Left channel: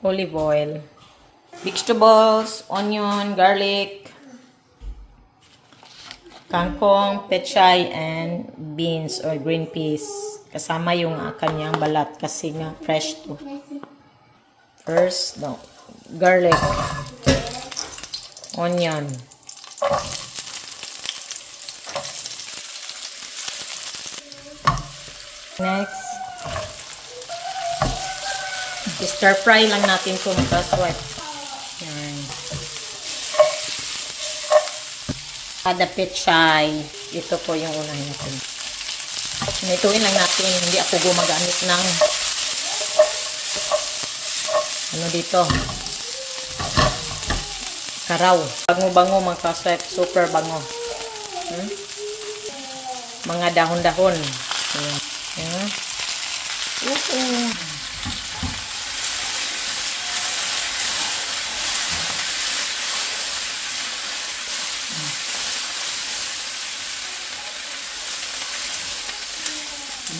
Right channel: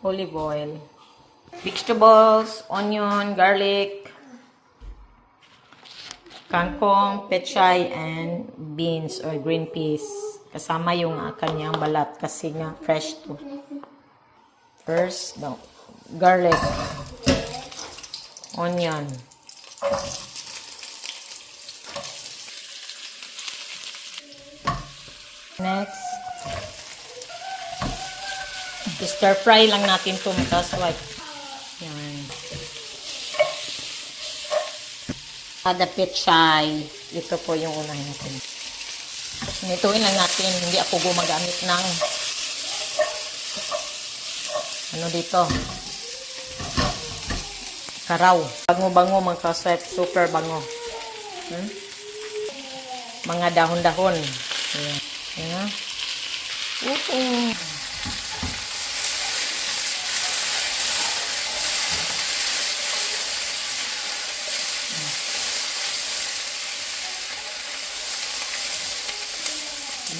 olive oil, vegetables, onion, garlic, kangkong, pechay, and beans or green peas. Kasama yung kanyang balat kasi nga fresh to. First, garlic, onion, next, stir fry lang natin ito mga kaswat. Yan. Kada pechay, ito po yung unahin natin. Nituin lang natin, hindi ako gumagamit ng ano dito, karaw. Bango-bango mga kaswat, super bango. Mga dahon-dahon. Ayan. Ayan.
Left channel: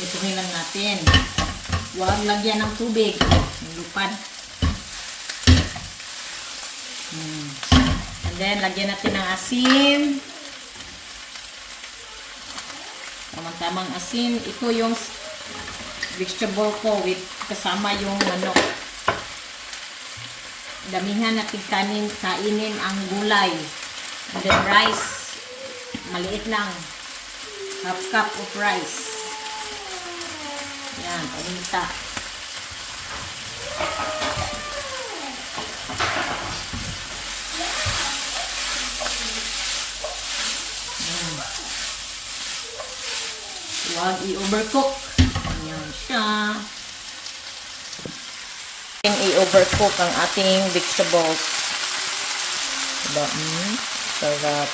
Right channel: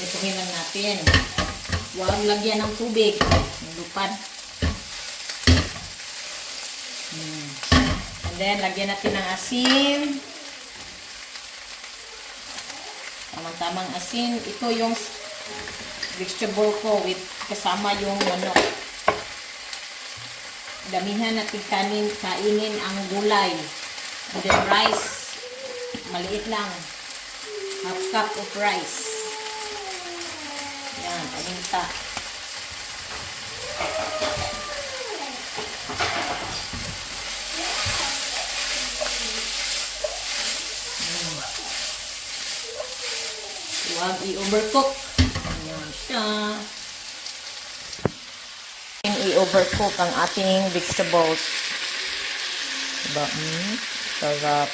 Ituhin lang natin. Huwag lagyan ng tubig. Lupad. And then, lagyan natin ng asin. Tamang-tamang asin. Ito yung vegetable ko with kasama yung manok. Damihan natin kainin ang gulay. And then, rice. Maliit lang. Half cup of rice. Yan, paminta. Huwag i-overcook. Yan siya. I-overcook ang ating vegetables. Diba? Sarap.